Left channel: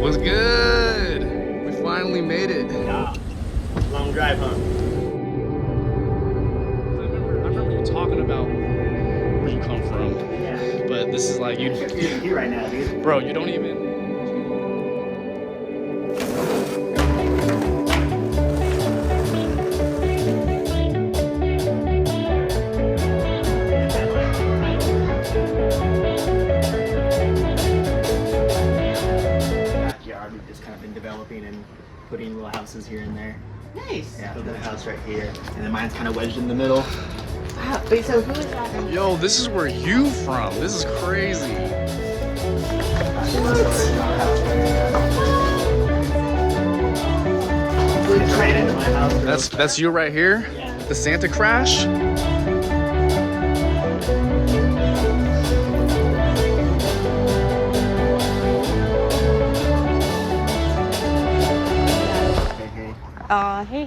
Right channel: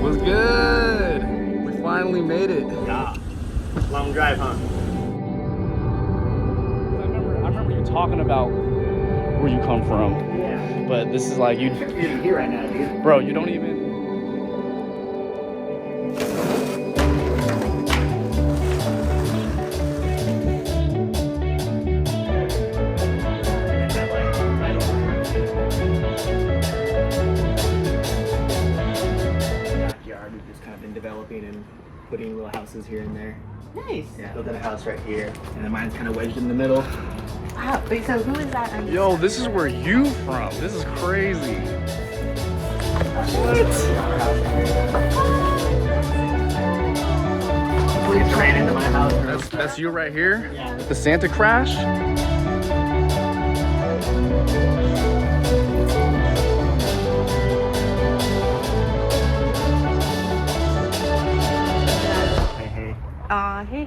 What's good? We finally made it. Yeah. Long drive, huh? I remember you talking about where you come from. Yeah. But this is like you You're here right now, dude. bro, you don't even We've just kind of been developing and putting little houses here and there. Nice. Yeah, building a house right here. And then mine's kind of wedged in the middle. Wow. Wait, so who is that? Yo, this is where you from. This is crazy. We just ran into my house. That's you right here? The Santa crash?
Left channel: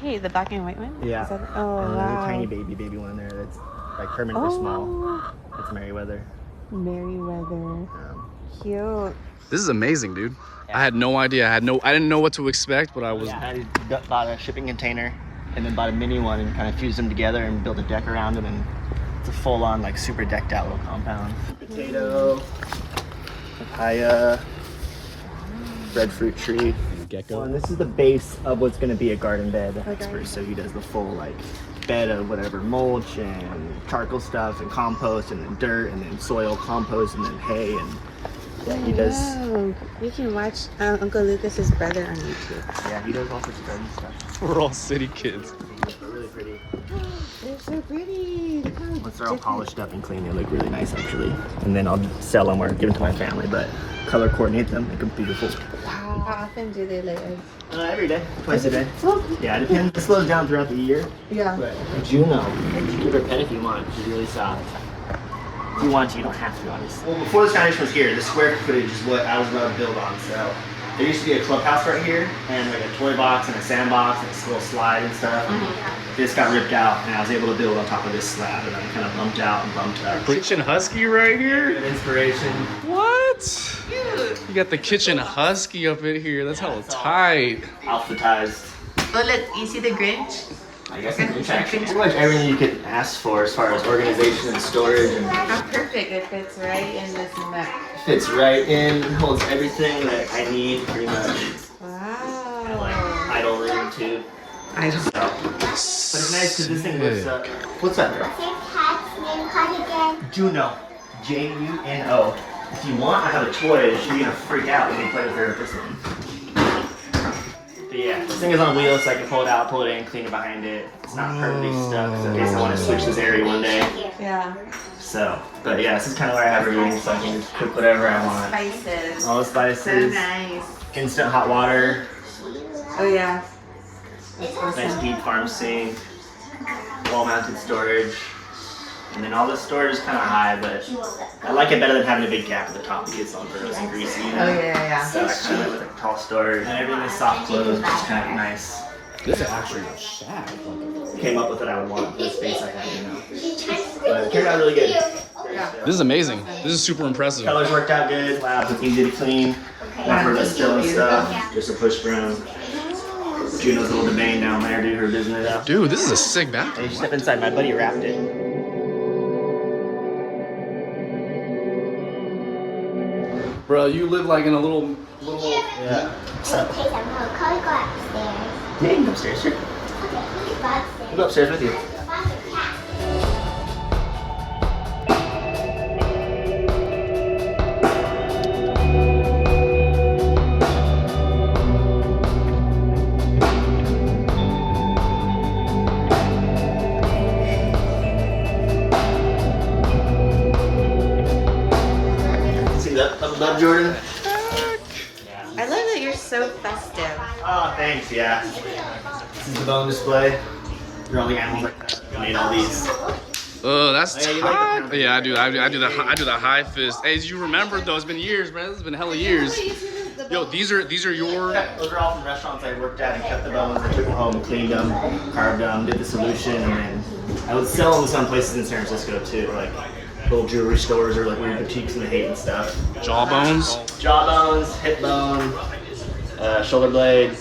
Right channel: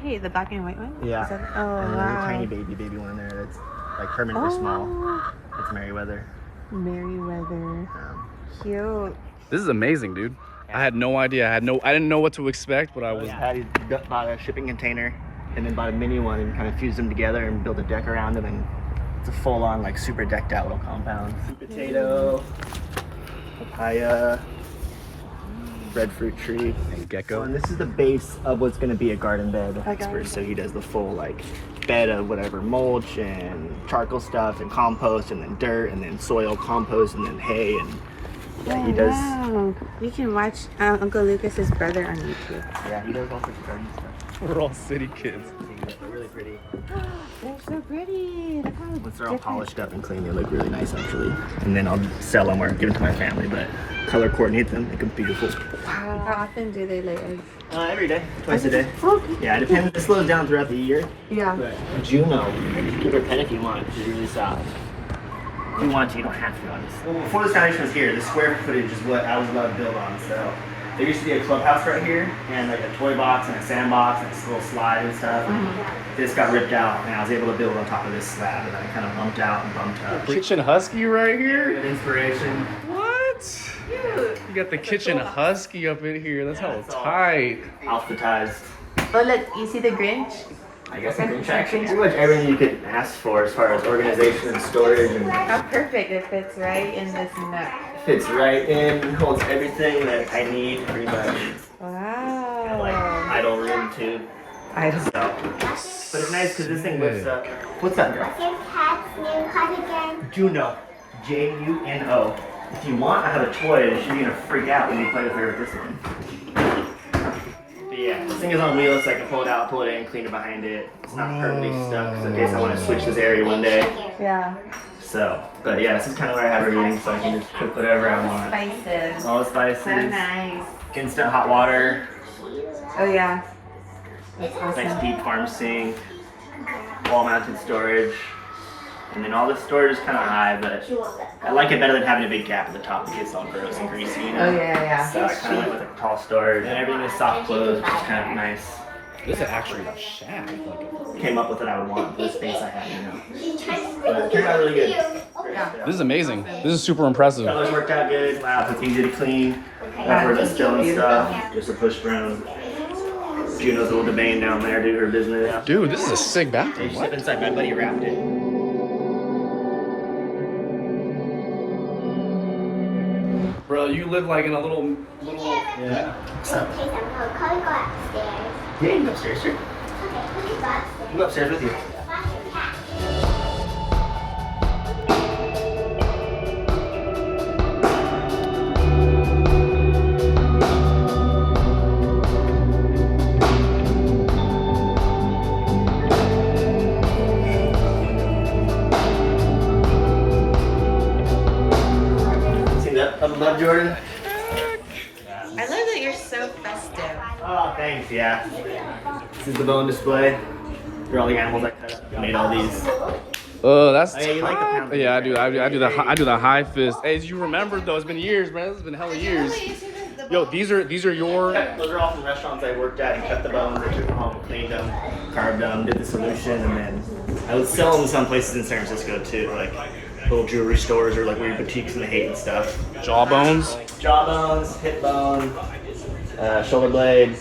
Hey, the black and white one? Yeah. Is that, oh, And there's a wow. tiny baby one in there that's like permanent or small. It's Merryweather. Merryweather. Cute. This is amazing, dude. I had no idea. I didn't know what to expect, but I was Patty bought a shipping container and then bought a mini one and kind of fused them together and built a deck around them, and it's a full-on like super decked out little compound. Potato, papaya, breadfruit tree, and gecko. and this is the base of what's going to be a garden bed garden expert. So he does the full like bed of whatever mulch and charcoal stuff and compost and then dirt and then soil compost and then hay, and yeah, he does. Wow. We can watch Uncle Lucas's brother on YouTube. Yeah, he does all sorts of garden stuff. We're all city kids. They're really pretty. They're so pretty. Look how Once they're all different. polished up and clean, they look really nice actually. And then I'll sell them or give them to my family, but color coordinate them, make them beautiful. Wow. How often do they lay eggs? Every day, twice a day. Okay. Yeah, it depends. It slows down throughout the year. Yeah. But Juno, give her a pet if you want. She's really soft. If you want to, you don't have to, obviously. Well, before this foundation was here, the square footage is what I was allowed to build on. So there used to be a clubhouse right here, and like a toy box and a sandbox and a little slide and stuff. They just got ripped out, and I was able to build on top of this slab, and then it kind of bumped out and bumped up. Kitchen husky right here? Good inspiration. What? Cute. You got the kitchen husky up in here. That's hella tight. Alphabetized. Oh, look, you see the Grinch? I guess it's pretty much everything you could ask for as far as organization and storage, and That's perfect. It fits right in this map. fits right in, holds everything that I need pretty much. Wow. Like idle room too. I just. So, but it's nice because this thing lifts up. What's up, girl? Say Pat's name card again. Juno. Juno. If you want, I have a toy that she's gonna freak out when you play with her with this one. But yeah, this thing is on wheels, so I can pull it out, pull it in, clean it behind it. It's not perfectly stuck, so in case I want to switch this area one day. Yeah. So, but yeah, this is kind of where I have everything, so I can just cook whatever I want. Spices. All the So spices, nice. instant hot water, Oh, yeah. That's nice awesome. deep farm sink, wall-mounted storage. And then all this storage is kind of high, but I like it better than having a big gap at the top. It gets all gross and greasy. You know? Oh, yeah. So I kind of like a tall storage, and everything is soft closed, which is kind of nice. This is actually a shack. Came up with what I would want for the space I have, you know. But it turned out really good. Great stuff. This is amazing. This is super impressive. Colors worked out good. Labs look easy to clean. Not for the still and stuff. Just a push broom. Juno's a little debate down there, do her business. Dude, this is a sick Hey, bathroom. step What? inside. My buddy wrapped it. Bro, you live like in a little Yeah. Hey, I'm gonna go upstairs. Yeah, you can go upstairs, sure. Okay, we can go upstairs. I'll go upstairs with you. See that up above, Jordan? I love that you're so festive. Oh, thanks, yeah. This is the bone display. Here are all the animals I cut. Made all these. Oh, that's Oh, yeah, you like the tight. pound Yeah, I do. I do the cake. high fist. Hey, as you remember though, it's been years, man. It's been hella years. Yo, these are your. Those are all from restaurants I worked at and kept the bones. I took them home, cleaned them, carved them, did the solution, and then I would sell them to some places in San Francisco too. Like little jewelry stores or like weird boutiques in the Haight and stuff. Jawbones. Jawbones, hip bone, shoulder blade,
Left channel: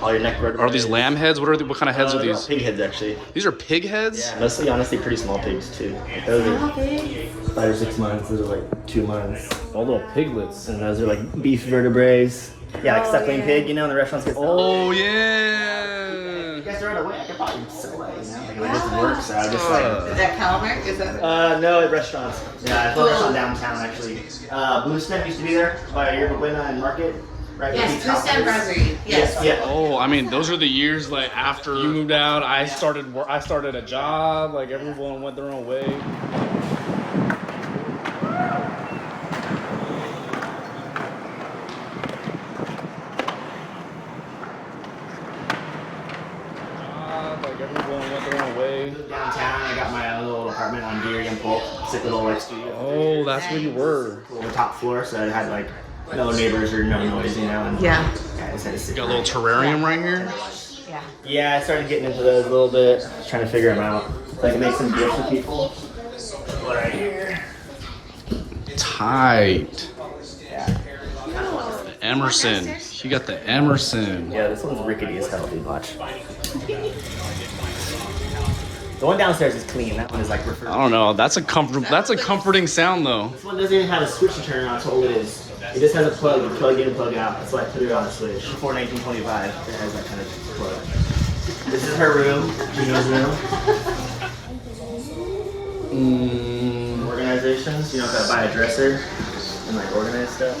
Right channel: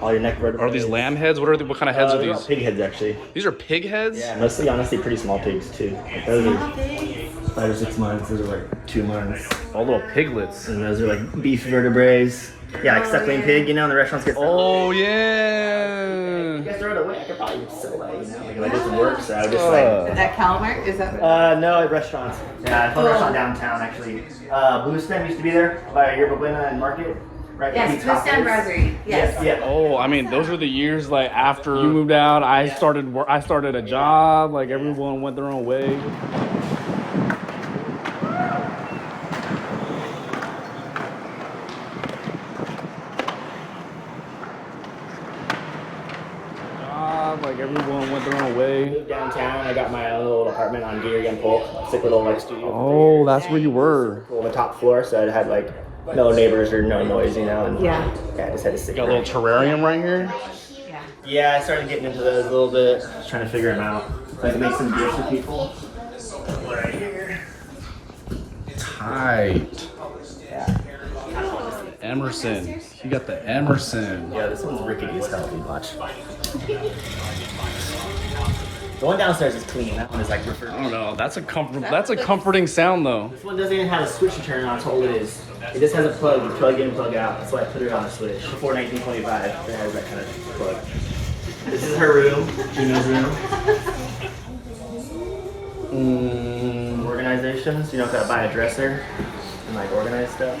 all your neck vertebrae. Are these lamb heads? What kind of heads are They're these? Pig heads, actually. These are pig heads? Yeah, mostly, honestly, pretty small pigs, too. Those are 5 or 6 months. Those are like 2 months. All little piglets. And those are like beef vertebrae. Yeah, like suckling pig, you know, in the restaurants get. Oh, yeah. You guys are away. I could probably sell that, you know, like, it doesn't work, so I would just like. Is that Calamar? Is that? No, at restaurants. Yeah, it's a restaurant downtown, actually. Blue Stem used to be there by Yerba Buena and Market. Right, Yes, Blue Stem Brasserie. Yes. Yeah. Oh, I mean, those are the years like after you moved out. I started a job. Like everyone went their own way. Moved downtown. I got my own little apartment on Deer and Polk. Sick little like studio. Oh, that's where you were. On the top floor, so I had like no neighbors or no noise, you know. And, Yeah. I just had to sit Got a little terrarium right here. Yeah. Yeah, I started getting into those a little bit, trying to figure them out. So I can make some gifts for people. Right here. Tight. Yeah. Emerson. You got the Emerson. Yeah, this one's rickety as hell, dude. Watch. The one downstairs is clean. That one is like I refurbished. don't know. That's a comforting sound though. This one doesn't even have a switch to turn on. That's all it is. It just has a plug. You plug in and plug out. That's why I put it on a switch. Before 1925, it has that kind of plug. This is her room. Gino's room. Organizations. You don't gotta buy a dresser and like organize stuff.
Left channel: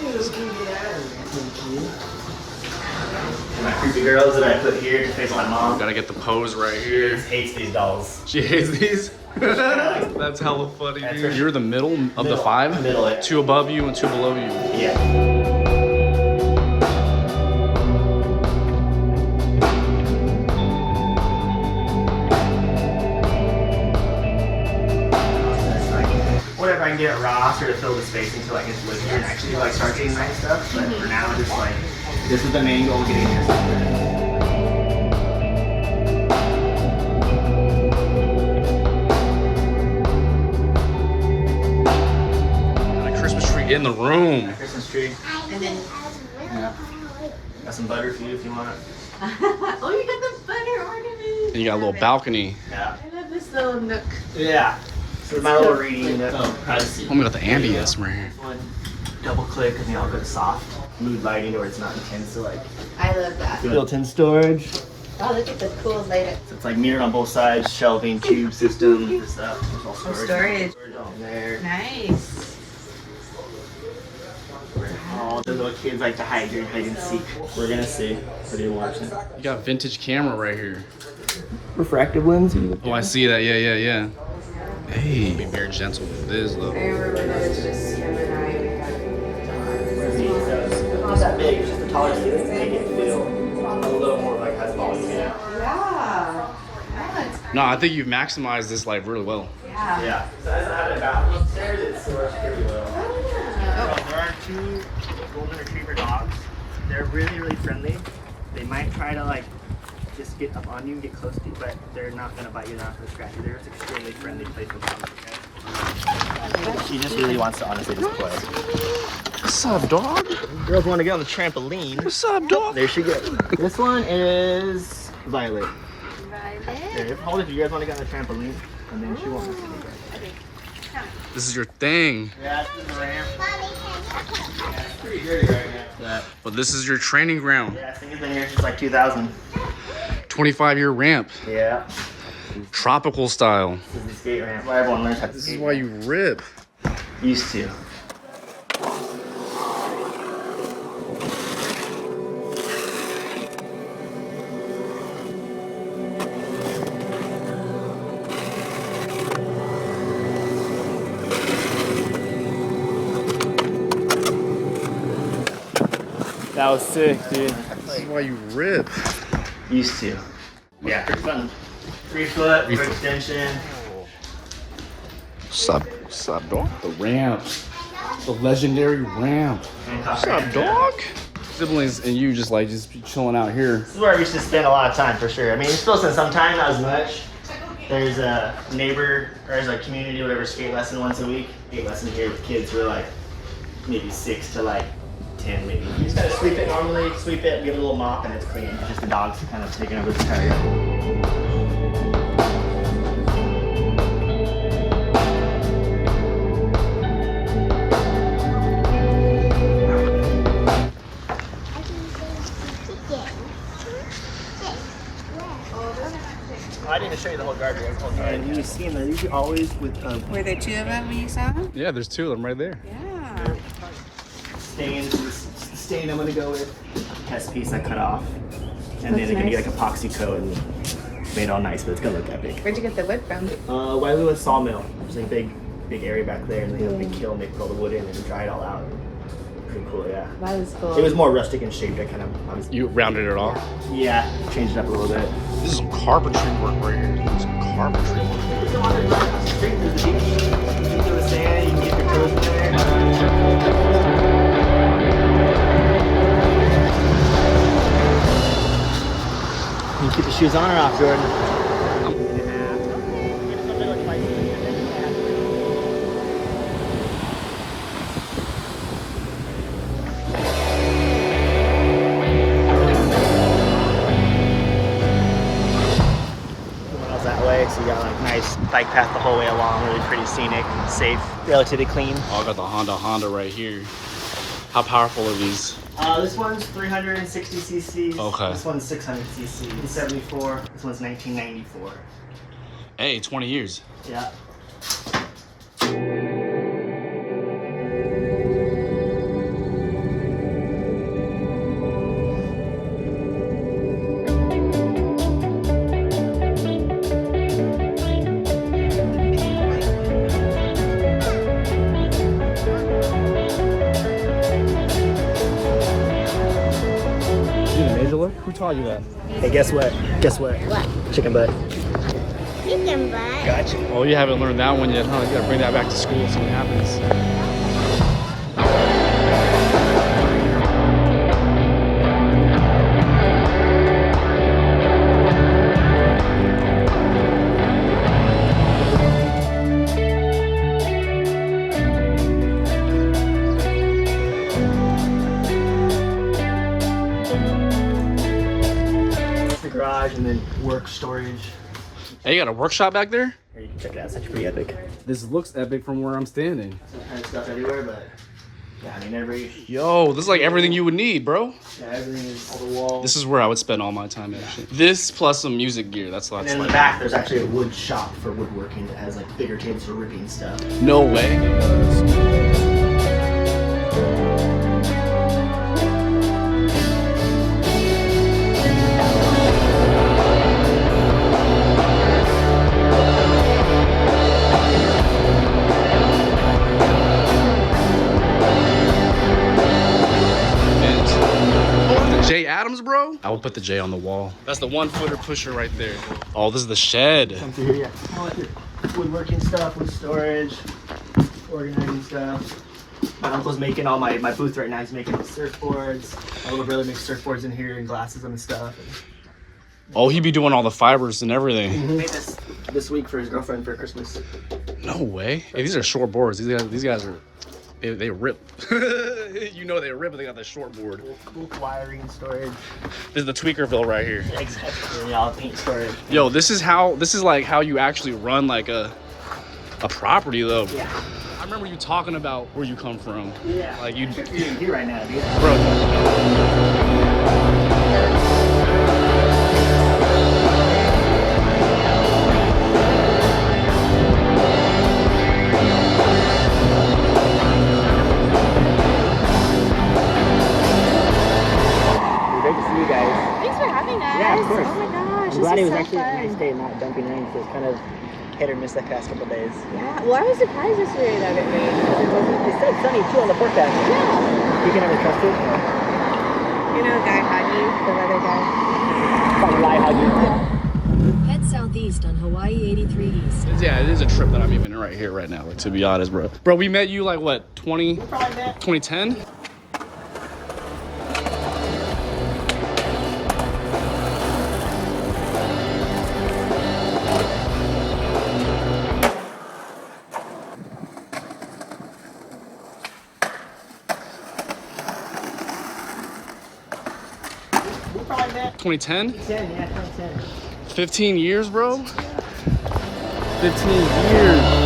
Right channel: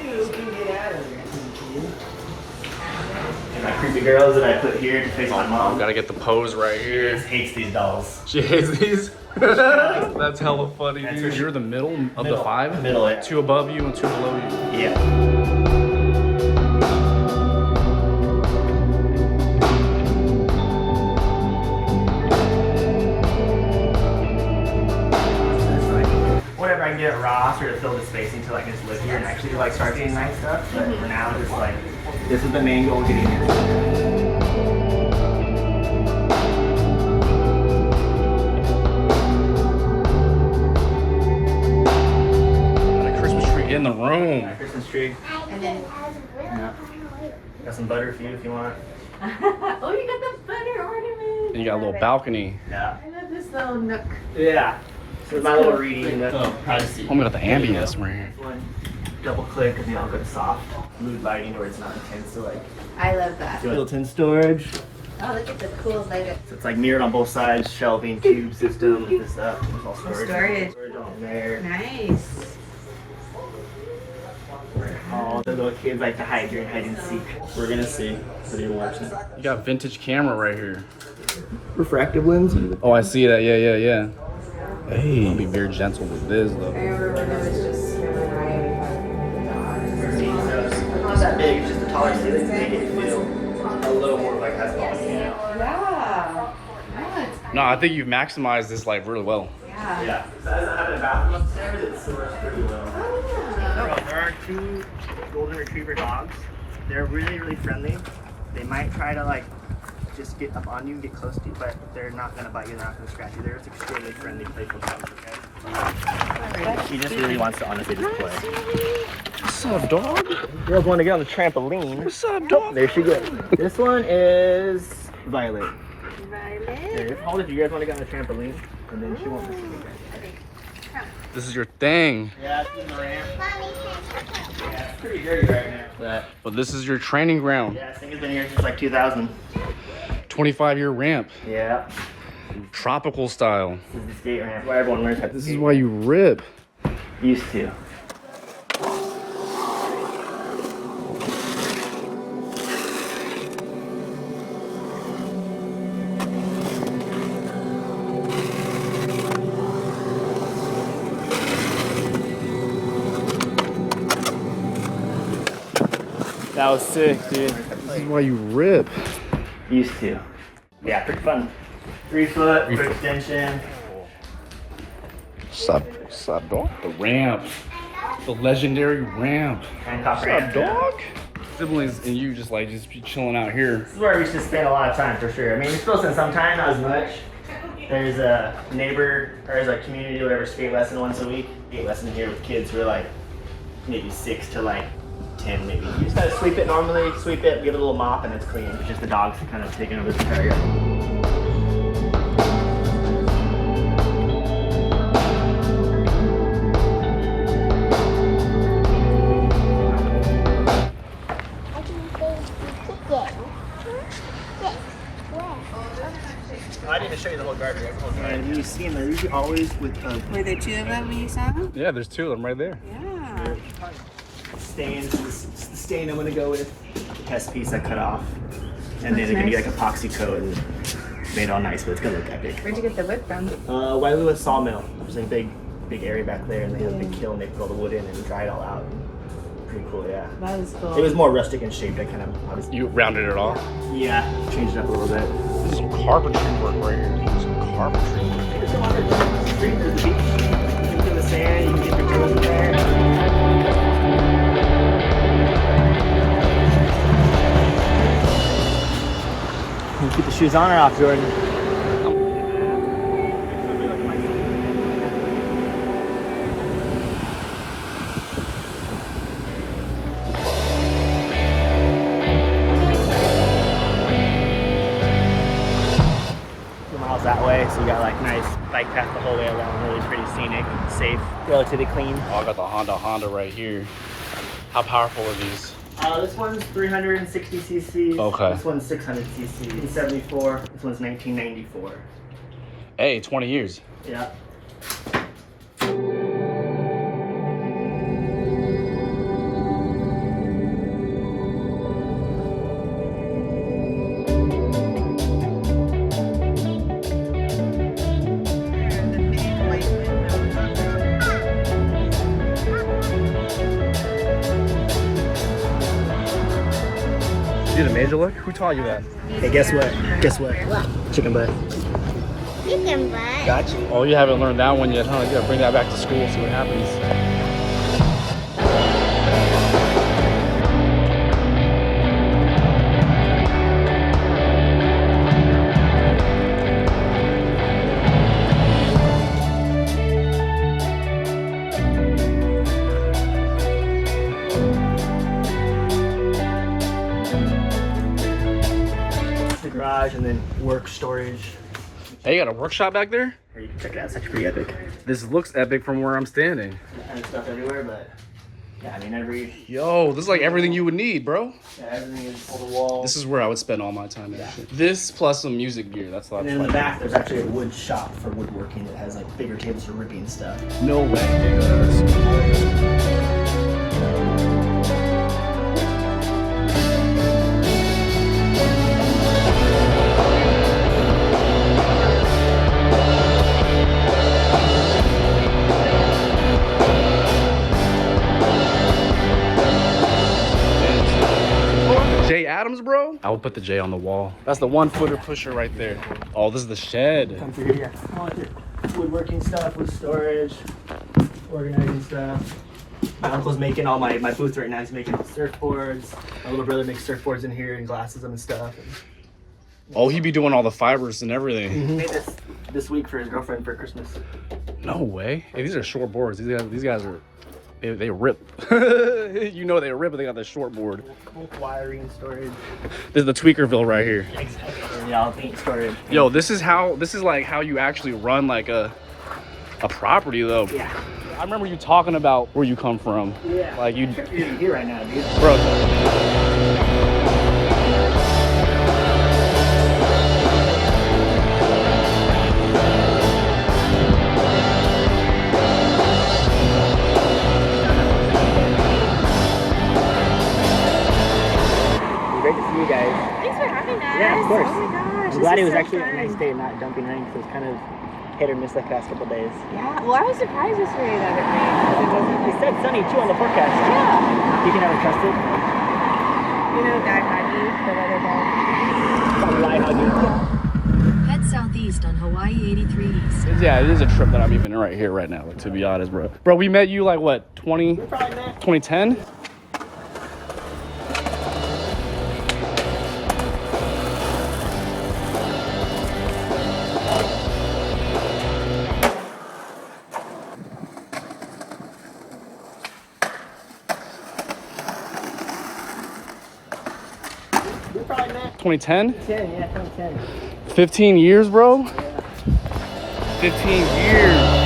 And my creepy girls that I put here to face my mom. Gotta get the pose right here. Hates these dolls. She hates these. That's hella funny, dude. You're the middle of the 5? Middle, yeah. 2 above you and 2 below you. Yeah. Whatever I can get at Ross or to fill the space until I can live here and actually like start getting nice stuff. But for now, just like this is the main goal, getting this. In the room. Christmas tree. And then. Got some butter for you if you want. Oh, you got the butter ornament. And you got a little balcony. Yeah. I love this little nook. Yeah. So my little reading privacy. Oh, we got the ambience right here. One double click and then I'll go to soft mood lighting where it's not intense. So like I love that. built-in storage. Oh, look at the cool layout. So it's like mirrored on both sides, shelving, tube system, this stuff. There's all storage. Storage. On there. Nice. All the little kids like to hide during hide and seek. We're gonna see. What are you watching? You got vintage camera right here. Refractive lens. Oh, I see that. Yeah. Hey, be very gentle with this though. I remember that was just you and It's not that big. It's just the taller ceiling to make it feel a little more like has volume. You know? Yeah. That's No, I think you've maximized this like really well. yeah. Yeah. So as I have a bathroom upstairs, it stores pretty well. There are 2 golden retriever dogs. They're really, really friendly. They might try to like just get up on you and get close to you, but they're not gonna bite you, they're not gonna scratch you. They're just extremely friendly, playful dogs, okay? She just really wants to honestly just play. What's up, dog? Girls want to get on the trampoline. What's up, dog? There she goes. This one is Violet. Violet. Hold it if you guys want to get on the trampoline, and then she won't miss you guys. This is your thing. Yeah, it's in the ramp. Yeah, it's pretty dirty right now. But this is your training ground. Yeah, this thing has been here since like 2000. 25-year ramp. Yeah. Tropical style. This is the skate ramp where everyone learns how to This skate. is why you rip. Used to. That was sick, dude. This is why you rip. Used to. Yeah, pretty fun. 3 foot, for extension. What's up, dog? The ramp. The legendary ramp. Hancock What's ramp. up, dog? Siblings and you just be chilling out here. This is where we should spend a lot of time for sure. I mean, we still spend some time, not as much. There's a neighbor, or there's a community, whatever, skate lesson once a week. Skate lesson here with kids who are like maybe 6 to like 10 maybe. You just gotta sweep it normally, sweep it, give it a little mop, and it's clean. It's just the dogs kind of taking over the area. I can say chicken. I didn't show you the whole garden. And you see them, they're usually always with Were there 2 of them when you saw them? Yeah, there's 2 of them right there. Yeah. stains. This is the stain I'm gonna go with. The test piece I cut off. And then Looks it can get nice. like epoxy coat and made all nice, but it's gonna look epic. Where'd you get the wood from? Wileywood Sawmill. There's a big area back there, and they have a big kiln. They put all the wood in and dry it all out. Pretty cool, yeah. That was cool. It was more rustic in shape. I kind of, I was, You rounded it off? yeah, changed it up a little bit. This is some carpentry work right here. This is some carpentry work. Just go on and run across the street. There's the beach. You can go to the sand. You can get your toes in there. You keep the shoes on or off, Jordan? So you got like nice bike path the whole way along, really pretty scenic, safe, relatively clean. Oh, I got the Honda right here. How powerful are these? This one's 360 cc. Okay. This one's 600 cc. 74. This one's 1994. Hey, 20 years. Yeah. You the major look? Who taught you that? Hey, guess what? Guess what? What? Chicken butt. Chicken butt. Gotcha. Oh, you haven't learned that one yet, huh? You gotta bring that back to school, see what happens. The garage and then work storage. Hey, you got a workshop back there? Here, you can check it out. It's actually pretty epic. This looks epic from where I'm standing. Kind of stuff everywhere, but yeah, I mean every Yo, this is like everything you would need, bro. yeah, everything is all the walls. This is where I would spend all my time, actually. This plus some music gear. That's And lots then in like the back, there's actually a wood shop for woodworking that has like bigger tables for rigging and stuff. No way. J Adams, bro? I will put the J on the wall. That's the 1-footer pusher right there. Oh, this is the shed. Come through here, yeah. All your woodworking stuff, wood storage, organizing stuff. My uncle's making all my booth right now. He's making surfboards. My little brother makes surfboards in here and glasses them and stuff. Oh, he be doing all the fibers and everything. He made this week for his girlfriend for Christmas. No way. Hey, these are short boards. These guys are, they rip. You know they rip, but they got the short board. Cool wiring storage. This is the Tweakerville right here. Exactly. Yeah, paint storage. Yo, this is like how you actually run like a property though. Yeah. I remember you talking about where you come from. Yeah. Like you, You're here right now, dude. bro. Great to see you guys. Thanks for having us. Yeah, of course. Oh my gosh. I'm glad it was actually a nice day, not dumping rain, because it was kind of hit or miss the past couple days. Yeah. Well, I was surprised this rain the other day. 'Cause it wasn't. It said sunny too on the forecast. Yeah. You can never trust it. You know, guy had you, the other guy. Probably lie how you. Head southeast on Hawaii 83 East. Yeah, it is a trip that I'm even right here right now. Like to be honest, bro. Bro, we met you like what, 2010? We probably met 2010? 10, yeah, 2010. 15 years, bro? Yeah. 15 years.